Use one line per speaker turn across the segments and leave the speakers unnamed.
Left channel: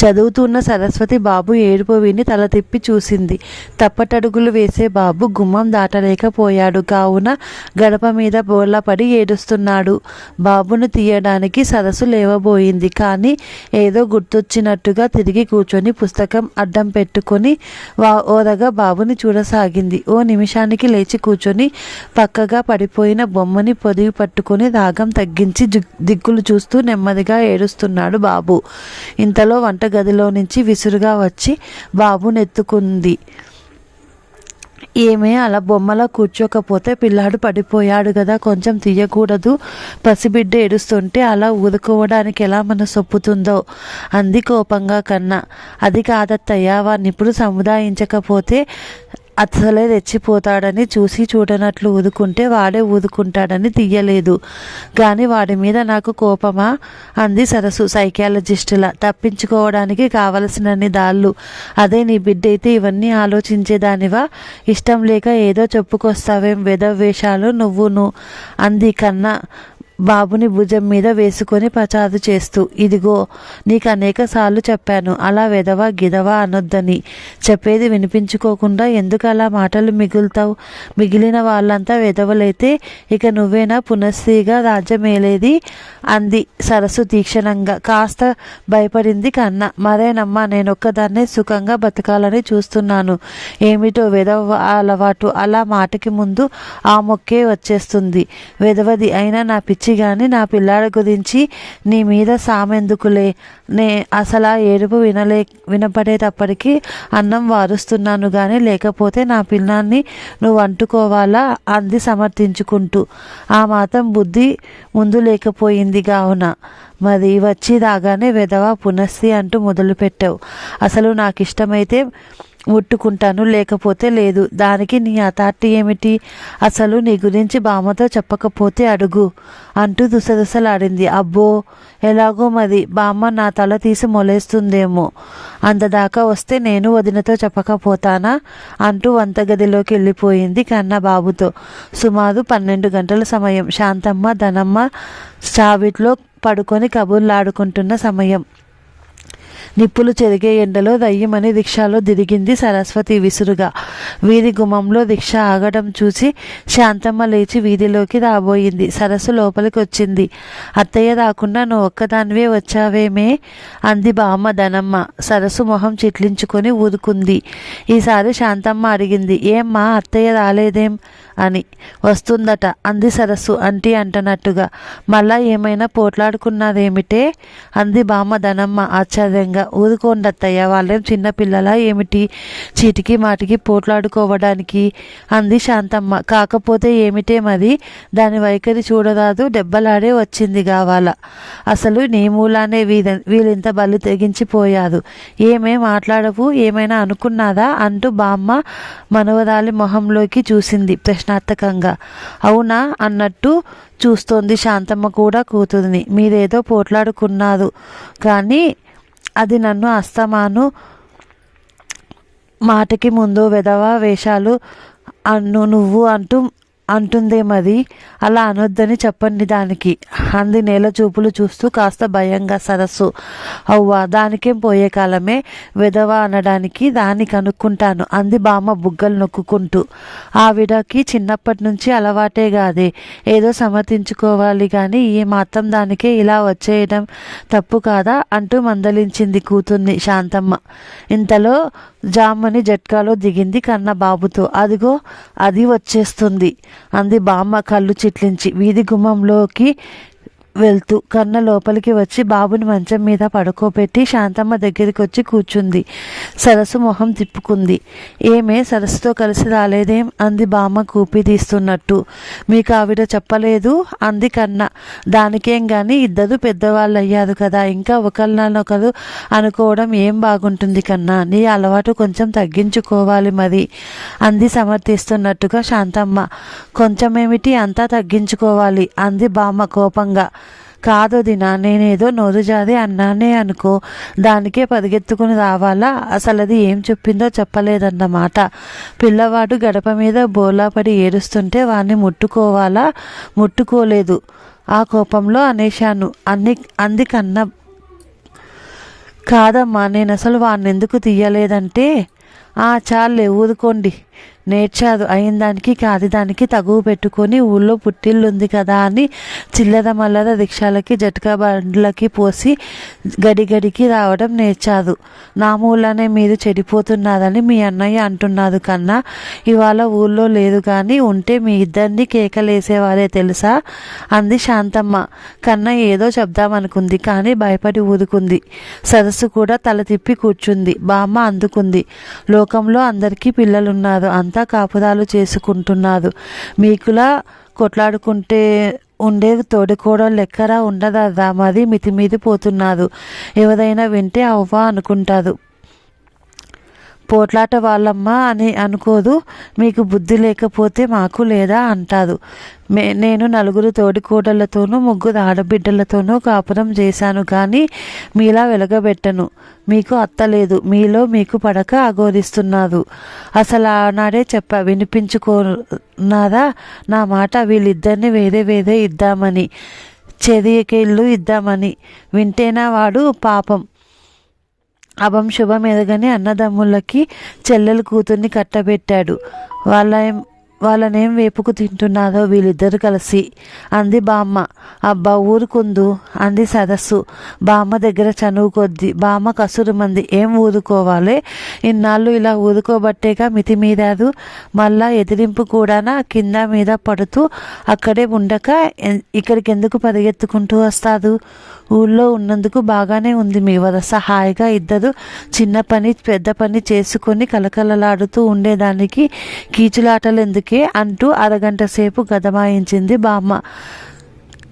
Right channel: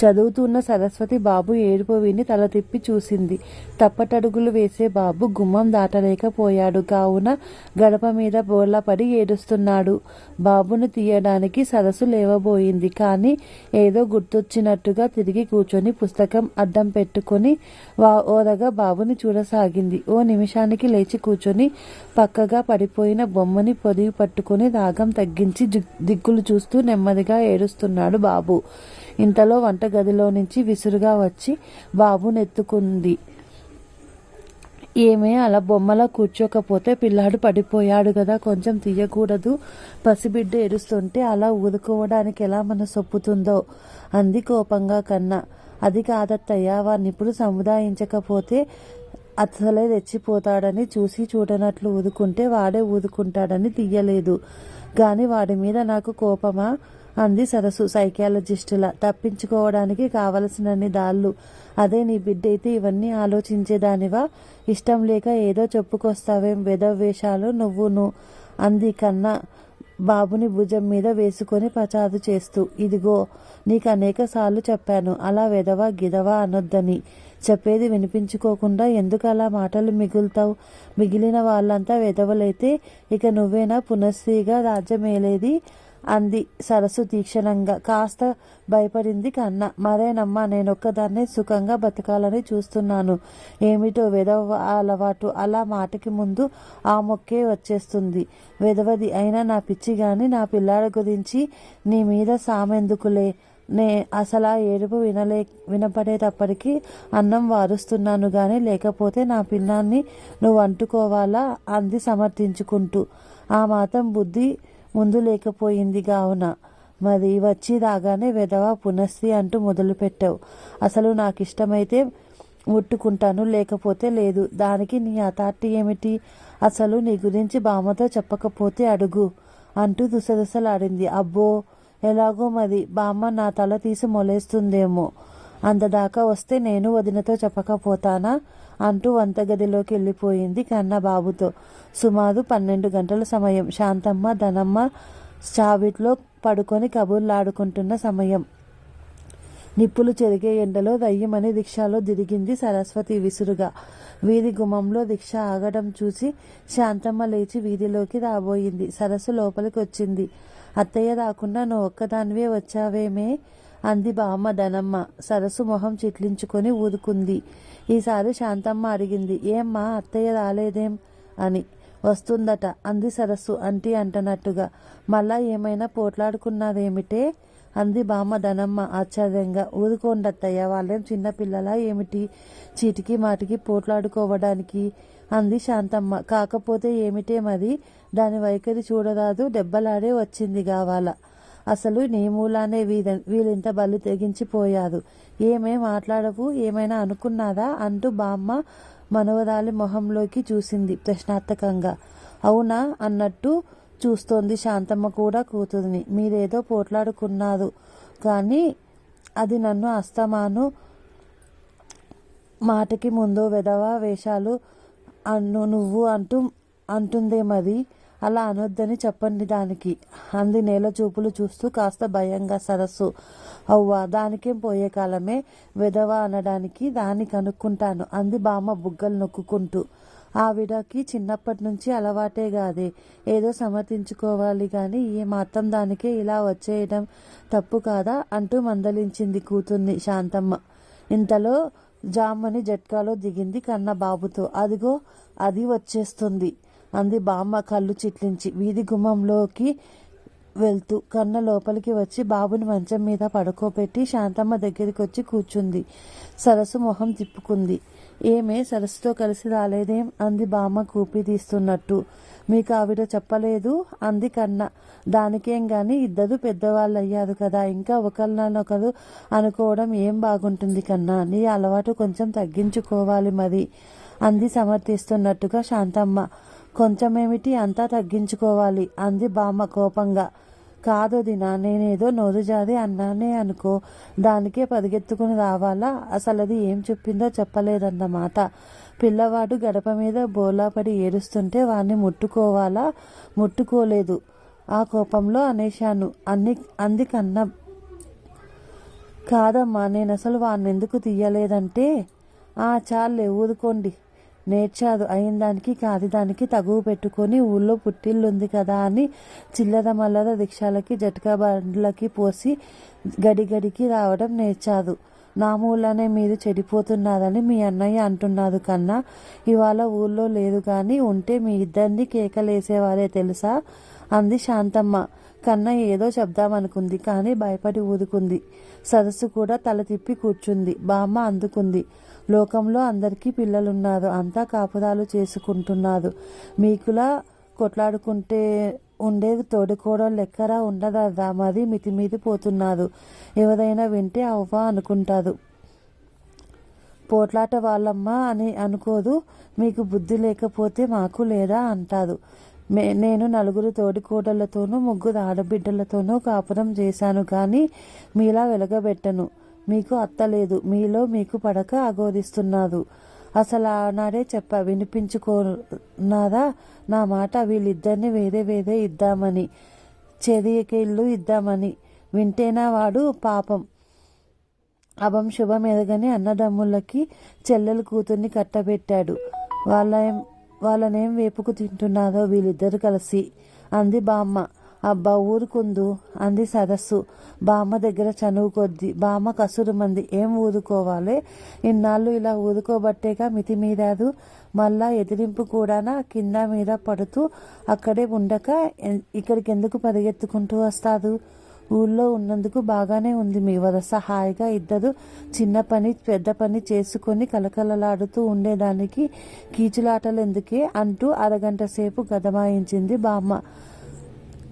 చదువుతున్న సరస్వతి బాబు ఏడుపు విని తల తిప్పి చూసింది. తప్పటడుగులు వేసే బాబు గుమ్మం దాటలేకపోయాడు. కావున గడప మీద బోర్లపడి ఏడుస్తున్నాడు. బాబును తీయడానికి సరస్సు లేవబోయింది. కానీ ఏదో గుర్తొచ్చినట్టుగా తిరిగి కూర్చొని పుస్తకం అడ్డం పెట్టుకొని వా ఓరగా బాబుని చూడసాగింది. ఓ నిమిషానికి లేచి కూర్చొని పక్కగా పడిపోయిన బొమ్మని పొదివి పట్టుకొని రాగం తగ్గించి దిక్కులు చూస్తూ నెమ్మదిగా ఏడుస్తున్నాడు బాబు. ఇంతలో వంట వంటగదిలో నుంచి విసురుగా వచ్చి బాబుని ఎత్తుకుంది ఏమే అలా బొమ్మలా కూర్చోకపోతే పిల్లాడు పడిపోయాడు కదా కొంచెం తీయకూడదు. పసిబిడ్డ ఏడుస్తుంటే అలా ఊదుకోవడానికి ఎలా మన సొప్పుతుందో అంది కోపంగా కన్నా. అది కాదత్తయ్య వారిని ఇప్పుడు సముదాయించకపోతే అసలే రెచ్చిపోతాడని చూసి చూడనట్లు ఊదుకుంటే వాడే ఊదుకుంటాడని తీయలేదు. కానీ వాడి మీద నాకు కోపమా? అంది సరస్సు సైకాలజిస్టుల. తప్పించుకోవడానికి కావలసినన్ని దాళ్ళు. అదే నీ బిడ్డ అయితే ఇవన్నీ ఆలోచించేదానివా? ఇష్టం లేక ఏదో చెప్పుకొస్తావేం వెధవేషాలు నువ్వును? అంది కన్నా బాబుని భుజం మీద వేసుకొని పచారు చేస్తూ ఇదిగో నీకు అనేక సార్లు చెప్పాను అలా వెదవా గిదవా అనొద్దని. చెప్పేది వినిపించుకోకుండా ఎందుకు అలా మాటలు మిగులుతావు? మిగిలిన వాళ్ళంతా వెదవలైతే ఇక నువ్వేనా పునశ్రీగా రాజ్యమేలేది? అంది సరస్సు తీక్షణంగా. కాస్త భయపడింది కన్న. మరేనమ్మా నేనొక్కదాన్నే సుఖంగా బతకాలని చూస్తున్నాను. ఏమిటో వెదవ అలవాటు అలా మాటకి ముందు ఆ మొక్కే వచ్చేస్తుంది. వెదవది అయినా నా పిచ్చి కానీ నా పిల్లాడి గురించి నీ మీద సామెందుకులే. నే అసలు ఆ ఏడుపు వినలే వినపడేటప్పటికీ అన్నం వారుస్తున్నాను కానీ లేకపోతే నా పిల్లాన్ని నువ్వు అంటుకోవాలా అంది సమర్థించుకుంటూ. ఆ మాత్రం బుద్ధి ముందు లేకపోయింది కావున మరి వచ్చి రాగానే వెధవ పునస్సి అంటూ మొదలుపెట్టావు. అసలు నాకు ఇష్టమైతే ముట్టుకుంటాను లేకపోతే లేదు. దానికి నీ అథార్టీ ఏమిటి? అసలు నీ గురించి బామ్మతో చెప్పకపోతే అడుగు అంటూ దుసదుసలాడింది. అబ్బో ఎలాగో మరి బామ్మ నా తల తీసి మొలేస్తుందేమో. అంతదాకా వస్తే నేను వదినతో చెప్పకపోతానా? అంటూ వంటగదిలోకి వెళ్ళిపోయింది కన్నబాబుతో. సుమారు పన్నెండు గంటల సమయం. శాంతమ్మ ధనమ్మ చావిట్లో పడుకొని కబుర్లాడుకుంటున్న సమయం. నిప్పులు చెరిగే ఎండలో దయ్యమని రిక్షాలో దిరిగింది సరస్వతి విసురుగా. వీధి గుమ్మంలో రిక్షా ఆగడం చూసి శాంతమ్మ లేచి వీధిలోకి రాబోయింది. సరస్సు లోపలికి వచ్చింది అత్తయ్య రాకుండా నువ్వు ఒక్కదానివే వచ్చావేమే? అంది బామ్మ ధనమ్మ. సరస్సు మొహం చిట్లించుకొని ఊరుకుంది. ఈసారి శాంతమ్మ అడిగింది. ఏమ్మా అత్తయ్య రాలేదేం? అని వస్తుందట. అంది సరస్సు. అంటీ అంటనట్టుగా మళ్ళా ఏమైనా పోట్లాడుకున్నదేమిటే? అంది బామ్మ ధనమ్మ ఆశ్చర్యంగా. ఊరుకోండత్తయ్య వాళ్ళేం చిన్నపిల్లలా ఏమిటి? చీటికి మాటికి పోట్లాడుకోవడానికి. అంది శాంతమ్మ. కాకపోతే ఏమిటే మరి? దాని వైఖరి చూడరాదు దెబ్బలాడే వచ్చింది కావాల అసలు నీ మూలానే వీధ వీళ్ళింత బలి తెగించిపోయారు. ఏమే మాట్లాడవు? ఏమైనా అనుకున్నారా? అంటూ బామ్మ మనవరాలి మొహంలోకి చూసింది. ప్రశ్న ప్రశ్నార్థకంగా అవునా? అన్నట్టు చూస్తోంది శాంతమ్మ కూడా కూతురిని. మీరేదో పోట్లాడుకున్నారు. కానీ అది నన్ను అస్తమాను మాటకి ముందు వెధవ వేషాలు అన్ను నువ్వు అంటూ అంటుందేమది అలా అనొద్దని చెప్పండి దానికి. అంది నేల చూపులు చూస్తూ కాస్త భయంగా సరస్సు. అవ్వా దానికేం పోయే కాలమే? వెధవ అనడానికి దాన్ని కనుక్కుంటాను అంది బామ్మ బుగ్గలు నొక్కుంటూ ఆవిడకి చిన్నప్పటి నుంచి అలవాటే కాదే ఏదో సమర్థించుకోవాలి కానీ ఈ మాత్రం దానికే ఇలా వచ్చేయడం తప్పు కాదా? అంటూ మందలించింది కూతుర్ని శాంతమ్మ. ఇంతలో జామ్మని జట్కాలో దిగింది కన్న బాబుతో అదిగో అది వచ్చేస్తుంది. అంది బామ్మ కళ్ళు చిట్లించి. వీధి గుమ్మంలోకి వెళ్తూ కన్న లోపలికి వచ్చి బాబుని మంచం మీద పడుకోబెట్టి శాంతమ్మ దగ్గరికి వచ్చి కూర్చుంది. సరస్సు మొహం తిప్పుకుంది. ఏమే సరస్సుతో కలిసి రాలేదేం? అంది బామ్మ కూపి తీస్తున్నట్టు. మీకు ఆవిడ చెప్పలేదు? అంది కన్న. దానికేం కానీ ఇద్దరు పెద్దవాళ్ళు అయ్యారు కదా ఇంకా ఒకరినొకరు అనుకోవడం ఏం బాగుంటుంది కన్నా? నీ అలవాటు కొంచెం తగ్గించుకోవాలి మరి అంది సమర్థిస్తున్నట్టుగా శాంతమ్మ. కొంచెమేమిటి అంతా తగ్గించుకోవాలి? అంది బామ్మ కోపంగా. కాదు దినా నేనేదో నోరుజాది అన్నానే అనుకో. దానికే పరిగెత్తుకుని రావాలా? అసలు అది ఏం చెప్పిందో చెప్పలేదన్నమాట. పిల్లవాడు గడప మీద బోలాపడి ఏడుస్తుంటే వాణ్ణి ముట్టుకోవాలా? ముట్టుకోలేదు. ఆ కోపంలో అనేశాను. అన్ని అంది కన్న కాదమ్మా నేను అసలు వాడిని ఎందుకు తీయలేదంటే? ఆ చాలే ఊరుకోండి. నేర్చాదు. అయిన దానికి కాది దానికి తగువ పెట్టుకొని ఊళ్ళో పుట్టిల్లు ఉంది కదా అని చిల్లర మల్లర రిక్షాలకి జట్కా బండ్లకి పోసి గడి గడికి రావడం నేర్చాదు. నా మూలనే మీరు చెడిపోతున్నారని మీ అన్నయ్య అంటున్నారు కన్నా ఇవాళ ఊళ్ళో లేదు కానీ ఉంటే మీ ఇద్దరిని కేకలేసేవారే తెలుసా? అంది శాంతమ్మ. కన్న ఏదో చెప్దామనుకుంది కానీ భయపడి ఊరుకుంది సరస్సు కూడా తల తిప్పి కూర్చుంది. బామ్మ అందుకుంది. లోకంలో అందరికీ పిల్లలున్నారు. అంత కాపురాలు చేసుకుంటున్నారు మీకులా కొట్లాడుకుంటే ఉండే తోడుకోవడం లెక్కరా ఉండదా? మరి మితిమీది పోతున్నారు ఎవరైనా వింటే అవ్వా అనుకుంటారు పోట్లాట వాళ్ళమ్మ అని అనుకోదు. మీకు బుద్ధి లేకపోతే మాకు లేదా అంటారు మే నేను నలుగురు తోడికోడళ్ళతోనూ ముగ్గురు ఆడబిడ్డలతోనూ కాపురం చేశాను కానీ మీలా వెలగబెట్టను. మీకు అత్తలేదు మీలో మీకు పడక అఘోరిస్తున్నారు అసలు ఆనాడే చెప్పా వినిపించుకోనారా నా మాట వీళ్ళిద్దరిని వేరే వేరే ఇద్దామని చెరియకేళ్ళు ఇద్దామని. వింటేనా వాడు పాపం. అభం శుభం ఎదగని అన్నదమ్ములకి చెల్లెలు కూతుర్ని కట్టబెట్టాడు. వాళ్ళ వాళ్ళనేం వేపుకు తింటున్నారో వీళ్ళిద్దరు కలిసి. అంది బామ్మ. అబ్బా ఊరుకుందు అంది సరస్సు. బామ్మ దగ్గర చనువు కొద్ది. బామ్మ కసురు మంది ఏం ఊరుకోవాలి? ఇన్నాళ్ళు ఇలా ఊరుకోబట్టేగా మితిమీరారు మళ్ళా ఎదిరింపు కూడానా కింద మీద పడుతూ అక్కడే ఉండక ఇక్కడికి ఎందుకు పరిగెత్తుకుంటూ వస్తాదు? ఊళ్ళో ఉన్నందుకు బాగానే ఉంది. మీ వరస హాయిగా ఇద్దరు చిన్న పని పెద్ద పని చేసుకొని కలకలలాడుతూ ఉండేదానికి కీచులాటలు ఎందుకే అంటూ అరగంట సేపు గదమాయించింది బామ్మ.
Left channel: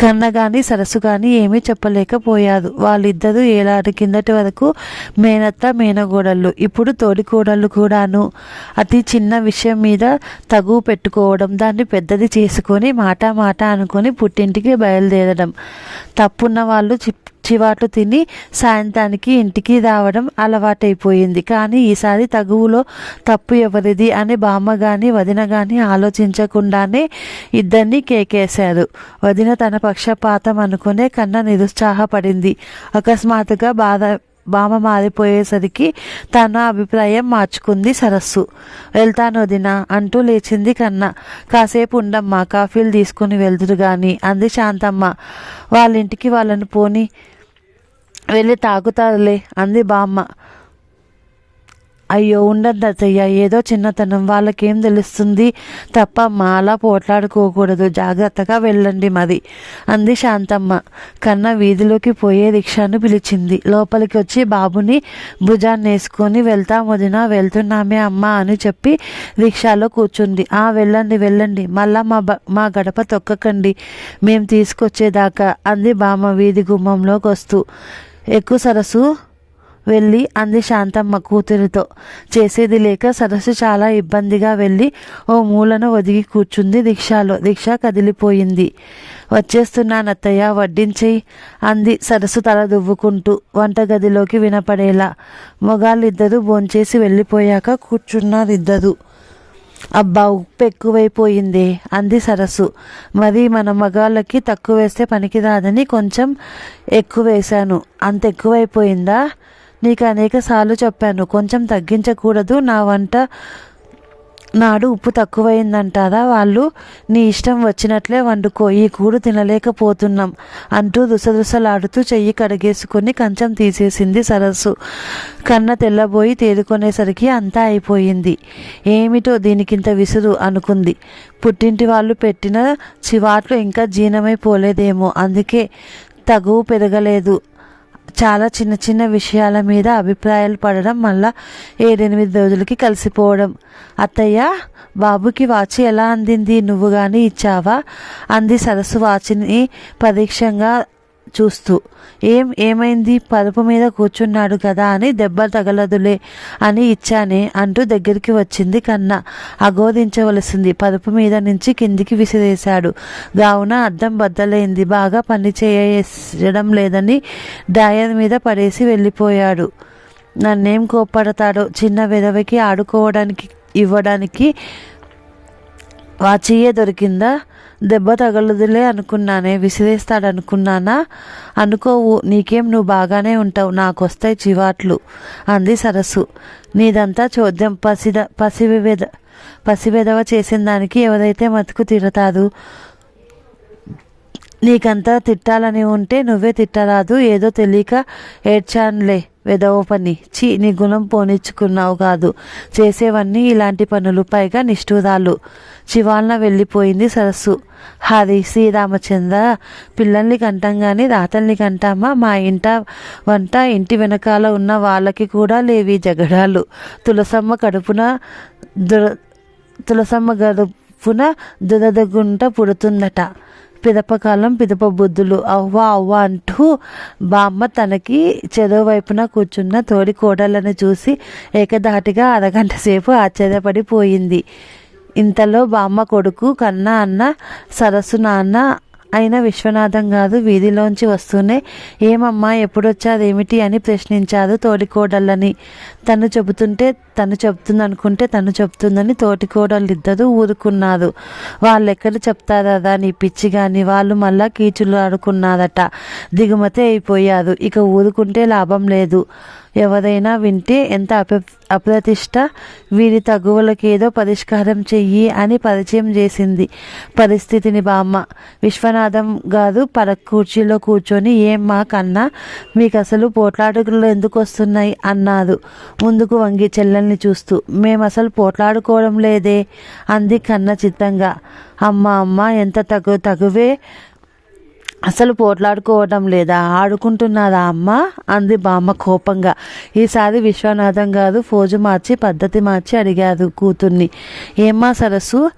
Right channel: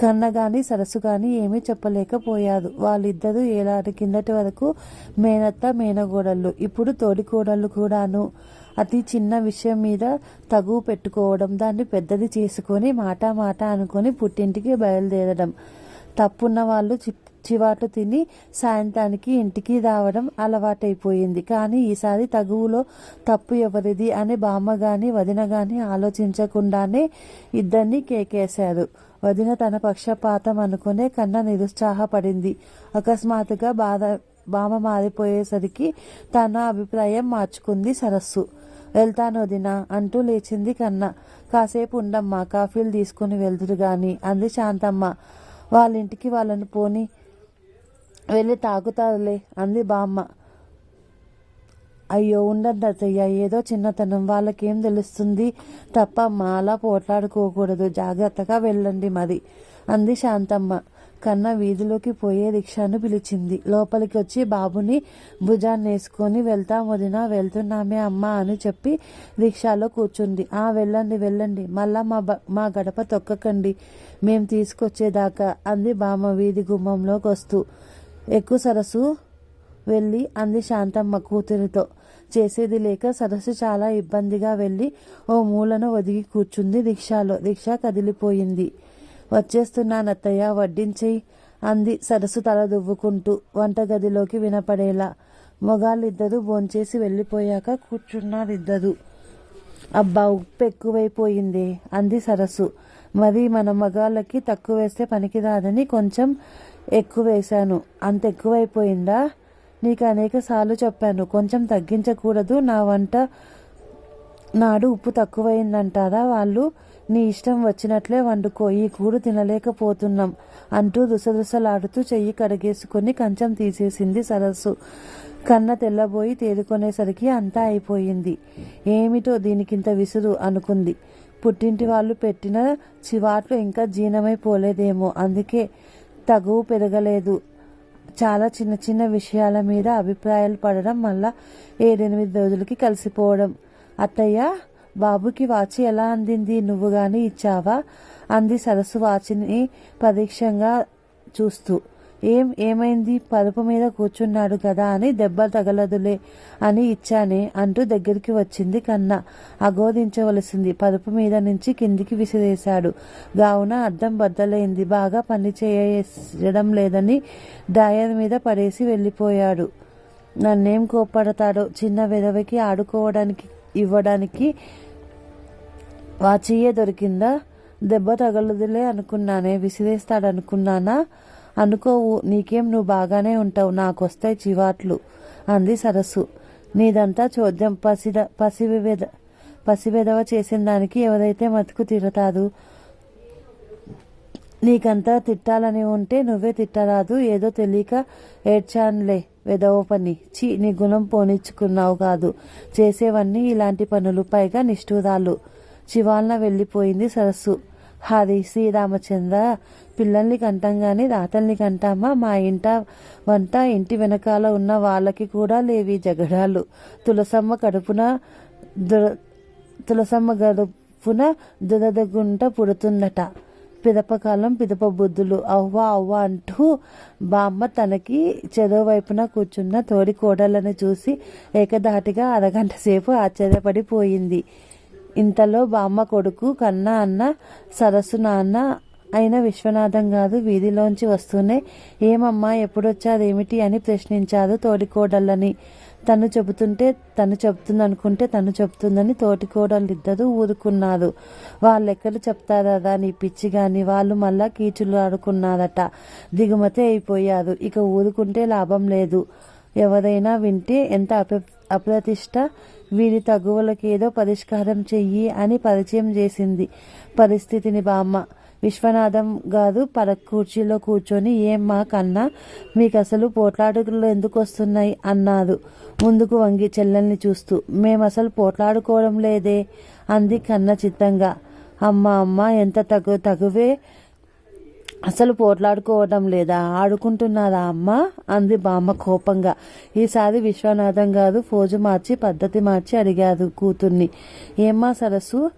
కన్న గాని సరస్సు గాని ఏమీ చెప్పలేకపోయారు. వాళ్ళిద్దరూ ఏలాది కిందటి వరకు మేనత్త మేనగోడళ్ళు ఇప్పుడు తోడికోడళ్ళు కూడాను. అతి చిన్న విషయం మీద తగువ పెట్టుకోవడం దాన్ని పెద్దది చేసుకొని మాట మాట అనుకొని పుట్టింటికి బయలుదేరడం. తప్పున్న వాళ్ళు చి చివాట్లు తిని సాయంత్రానికి ఇంటికి రావడం అలవాటైపోయింది. కానీ ఈసారి తగువులో తప్పు ఎవరిది అని బామ్మ గాని వదిన గాని ఆలోచించకుండానే ఇద్దరిని కేకేశారు. వదిన తన పక్షపాతం అనుకునే కన్న నిరుత్సాహపడింది. అకస్మాత్తుగా బాధ బామ మారిపోయేసరికి తన అభిప్రాయం మార్చుకుంది సరస్సు. వెళ్తాను వదిన అంటూ లేచింది కన్న. కాసేపు ఉండమ్మా కాఫీలు తీసుకుని వెళ్తురు గాని అంది శాంతమ్మ. వాళ్ళ ఇంటికి వాళ్ళని పోని. వెళ్ళి తాగుతారులే అంది బామ్మ. అయ్యో ఉండద్దు అత్తయ్య ఏదో చిన్నతనం వాళ్ళకేం తెలుస్తుంది? తప్ప అలా పోట్లాడుకోకూడదు జాగ్రత్తగా వెళ్ళండి మరి అంది శాంతమ్మ. కన్న వీధిలోకి పోయే రిక్షాను పిలిచింది. లోపలికి వచ్చి బాబుని భుజాన్ని వేసుకొని వెళ్తాం వదిన వెళ్తున్నామే అమ్మ అని చెప్పి రిక్షాలో కూర్చుంది. ఆ వెళ్ళండి వెళ్ళండి మళ్ళా మా బ మా గడప తొక్కకండి మేము తీసుకొచ్చేదాకా అంది బామ్మ వీధి గుమ్మంలోకి వస్తూ. ఎక్కువ సరస్సు వెళ్ళి అంది శాంతమ్మ కూతురితో. చేసేది లేక సరస్సు చాలా ఇబ్బందిగా వెళ్ళి ఓ మూలను ఒదిగి కూర్చుంది రిక్షాలో రిక్షా కదిలిపోయింది. వచ్చేస్తున్నానత్తయ్య వడ్డించేయి అంది సరస్సు తల దువ్వుకుంటూ. వంటగదిలోకి వినపడేలా. మొగాళ్ళిద్దరూ భోంచేసి వెళ్ళిపోయాక కూర్చున్నారు ఇద్దరు అబ్బా ఉప్పు ఎక్కువైపోయింది అంది సరస్సు. మరి మన మగాళ్ళకి తక్కువ వేస్తే పనికిరాదని కొంచెం ఎక్కువ వేశాను. అంత ఎక్కువైపోయిందా? నీకు అనేక సార్లు చెప్పాను కొంచెం తగ్గించకూడదు నా వంట నాడు ఉప్పు తక్కువైందంటారా? వాళ్ళు నీ ఇష్టం వచ్చినట్లే వండుకో ఈ కూడు తినలేకపోతున్నాం అంటూ దుసదుసలాడుతూ చెయ్యి కడిగేసుకొని కంచం తీసేసింది సరస్సు. కన్న తెల్లబోయి తేరుకునేసరికి అంతా అయిపోయింది. ఏమిటో దీనికింత విసురు అనుకుంది. పుట్టింటి వాళ్ళు పెట్టిన చివాట్లు ఇంకా జీర్ణమైపోలేదేమో అందుకే తగువు పెరగలేదు. చాలా చిన్న చిన్న విషయాల మీద అభిప్రాయాలు పడడం మళ్ళా ఏడెనిమిది రోజులకి కలిసిపోవడం. అత్తయ్య బాబుకి వాచి ఎలా అందింది? నువ్వు కానీ ఇచ్చావా? అంది సరస్సు వాచిని పరీక్షంగా చూస్తూ. ఏం ఏమైంది? పరుపు మీద కూర్చున్నాడు కదా అని దెబ్బ తగలదులే అని ఇచ్చానే అంటూ దగ్గరికి వచ్చింది కన్న. అగోదించవలసింది పరుపు మీద నుంచి కిందికి విసిరేశాడు. గావున అద్దం బద్దలైంది. బాగా పని చేయడం లేదని డాయర్ మీద పడేసి వెళ్ళిపోయాడు. నన్నేం కోప్పడతాడో? చిన్న విధవకి ఆడుకోవడానికి ఇవ్వడానికి వాచియే దొరికిందా? దెబ్బ తగలదులే అనుకున్నానే విసిరేస్తాడనుకున్నానా? అనుకోవు నీకేం నువ్వు బాగానే ఉంటావు నాకొస్తాయి చివాట్లు అంది సరస్సు. నీదంతా చోద్యం పసిద పసివిద పసివెదవ చేసిన దానికి ఎవరైతే మతుకు తిరతారు? నీకంతా తిట్టాలని ఉంటే నువ్వే తిట్టరాదు ఏదో తెలియక ఏడ్చానులే వెదవ పని. చీ నీ గుణం పోనిచ్చుకున్నావు కాదు. చేసేవన్నీ ఇలాంటి పనులు పైగా నిష్ఠూరాలు. శివాలన వెళ్ళిపోయింది సరస్సు. హరి శ్రీరామచంద్ర పిల్లల్ని కంటాం కానీ రాతల్ని కంటామా? మా ఇంట వంట ఇంటి వెనకాల ఉన్న వాళ్ళకి కూడా లేవి జగడాలు. తులసమ్మ కడుపున దుర తులసమ్మ గడుపున దురదగుంట పుడుతుందట. పిదపకాలం పిదప బుద్ధులు. అవ్వ అవ్వ అంటూ బామ్మ తనకి చెరో వైపున కూర్చున్న తోడి కోడలను చూసి ఏకధాటిగా అరగంట సేపు ఆశ్చర్యపడిపోయింది. ఇంతలో బామ్మ కొడుకు కన్నా అన్న సరస్సు నాన్న అయిన విశ్వనాథం గారు వీధిలోంచి వస్తూనే ఏమమ్మా ఎప్పుడొచ్చాదేమిటి? అని ప్రశ్నించారు తోటికోడళ్ళని. తను చెబుతుంటే తను చెప్తుందనుకుంటే తను చెప్తుందని తోటికోడళ్ళిద్దరూ ఊరుకున్నారు. వాళ్ళెక్కడ చెప్తారా నీ పిచ్చి కానీ వాళ్ళు మళ్ళా కీచులు ఆడుకున్నారట దిగుమతి అయిపోయారు. ఇక ఊరుకుంటే లాభం లేదు. ఎవరైనా వింటే ఎంత అప అప్రతిష్ట వీరి తగువలకేదో పరిష్కారం చెయ్యి అని పరిచయం చేసింది. పరిస్థితిని బామ్మ విశ్వనాథం గారు పర కుర్చీలో కూర్చొని ఏం మా కన్నా మీకు అసలు పోట్లాడుకులు ఎందుకు వస్తున్నాయి అన్నారు. ముందుకు వంగి చెల్లెల్ని చూస్తూ మేము అసలు పోట్లాడుకోవడం లేదే అంది కన్న చిత్తంగా. అమ్మ అమ్మ ఎంత తగు తగువే అసలు పోట్లాడుకోవడం లేదా ఆడుకుంటున్నారా అమ్మ? అంది బామ్మ కోపంగా. ఈసారి విశ్వనాథం గారు ఫోజు మార్చి పద్ధతి మార్చి అడిగారు కూతుర్ని. ఏమ్మా సరస్సు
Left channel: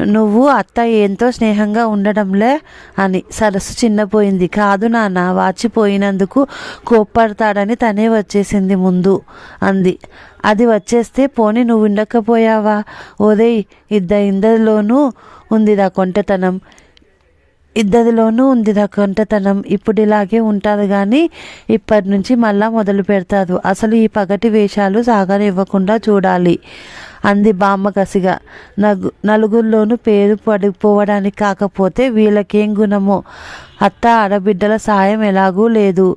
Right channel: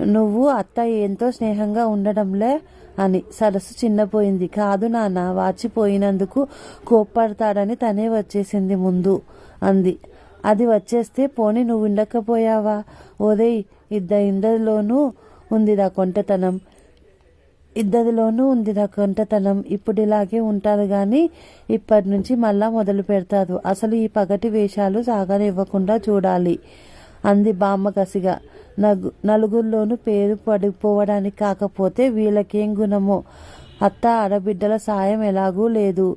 నువ్వు అత్త ఏంతో స్నేహంగా ఉండడంలే అని. సరస్సు చిన్నపోయింది. కాదు నాన్న వాచిపోయినందుకు కోప్పడతాడని తనే వచ్చేసింది ముందు అంది. అది వచ్చేస్తే పోని నువ్వు ఉండకపోయావా? ఓదే ఇద్ద ఇందరిలోనూ ఉందిరా కొంటతనం. ఇద్దరిలోనూ ఉంది కొంటతనం. ఇప్పుడు ఇలాగే ఉంటారు కానీ ఇప్పటి నుంచి మళ్ళా మొదలు పెడతారు. అసలు ఈ పగటి వేషాలు సాగనివ్వకుండా చూడాలి. అంది బామ్మ కసిగా నగు నలుగురిలోనూ పేరు పడిపోవడానికి కాకపోతే వీళ్ళకేం గుణమో? అత్త ఆడబిడ్డల సాయం ఎలాగూ లేదు.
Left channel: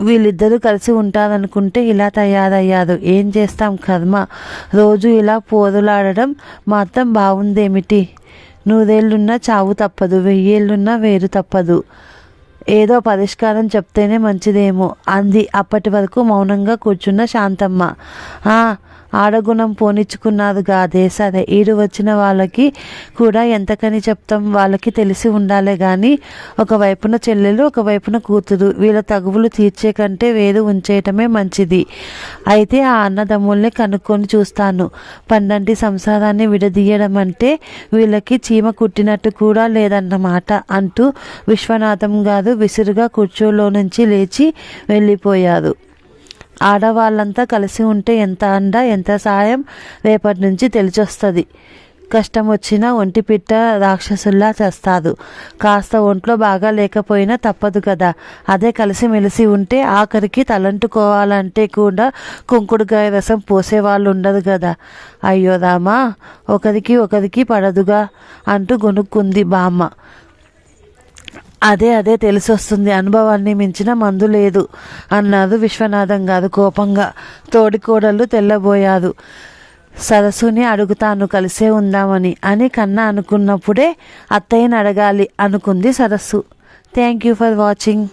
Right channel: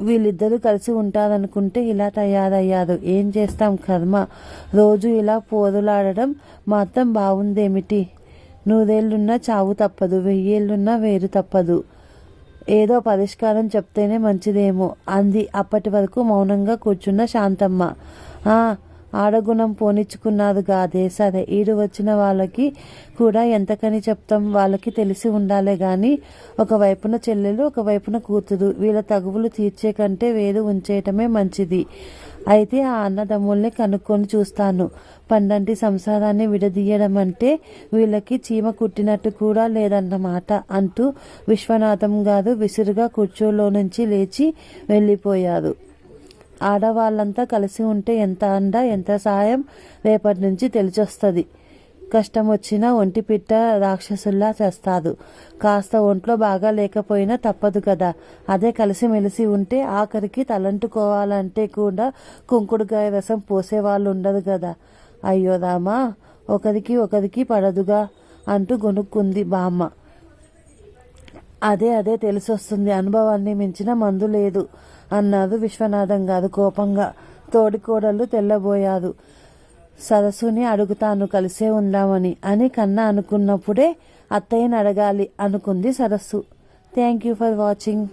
వీళ్ళిద్దరూ కలిసి ఉంటారనుకుంటే ఇలా తయారయ్యారు. ఏం చేస్తాం కర్మ? రోజు ఇలా పోరులాడడం మాత్రం బాగుందేమిటి నూరేళ్ళున్నా చావు తప్పదు వెయ్యేళ్ళున్నా వేరు తప్పదు. ఏదో పరిష్కారం చెప్తేనే మంచిదేమో అంది అప్పటి వరకు మౌనంగా కూర్చున్న శాంతమ్మ. ఆడగుణం పోనిచ్చుకున్నారు కాదే. సరే ఈడు వచ్చిన వాళ్ళకి కూడా ఎంతకని చెప్తాం? వాళ్ళకి తెలిసి ఉండాలే కానీ ఒకవైపున చెల్లెలు ఒకవైపున కూతురు. వీళ్ళ తగువులు తీర్చే కంటే వేరు ఉంచేయటమే మంచిది. అయితే ఆ అన్నదమ్ముల్ని కనుక్కొని చూస్తాను. పన్నంటి సంసారాన్ని విడదీయడం అంటే వీళ్ళకి చీమ కుట్టినట్టు కూడా లేదన్నమాట అంటూ విశ్వనాథం గారు విసురుగా కుర్చీలో నుంచి లేచి వెళ్ళిపోయారు. ఆడవాళ్ళంతా కలిసి ఉంటే ఎంత అండ ఎంత సాయం రేపటి నుంచి తెలిసొస్తుంది. కష్టం వచ్చినా ఒంటి పిట్ట రాక్షసుల్లా చేస్తారు కాస్త ఒంట్లో బాగా లేకపోయినా తప్పదు కదా. అదే కలిసి మెలిసి ఉంటే ఆఖరికి తలంటుకోవాలంటే కూడా కుంకుడుకాయ రసం పోసేవాళ్ళు ఉండదు కదా. అయ్యో రామా ఒకరికి ఒకరికి పడదుగా అంటూ గొనుక్కుంది బామ్మ. అదే అదే తెలిసొస్తుంది. అనుభవాన్ని మించిన మందు లేదు అన్నారు విశ్వనాథం గారు కోపంగా. తోడికోడళ్ళు తెల్లబోయారు. సరస్సుని అడుగుతాను కలిసే ఉందామని అని కన్నా అనుకున్నప్పుడే అత్తయ్యని అడగాలి అనుకుంది సరస్సు. Thank you for watching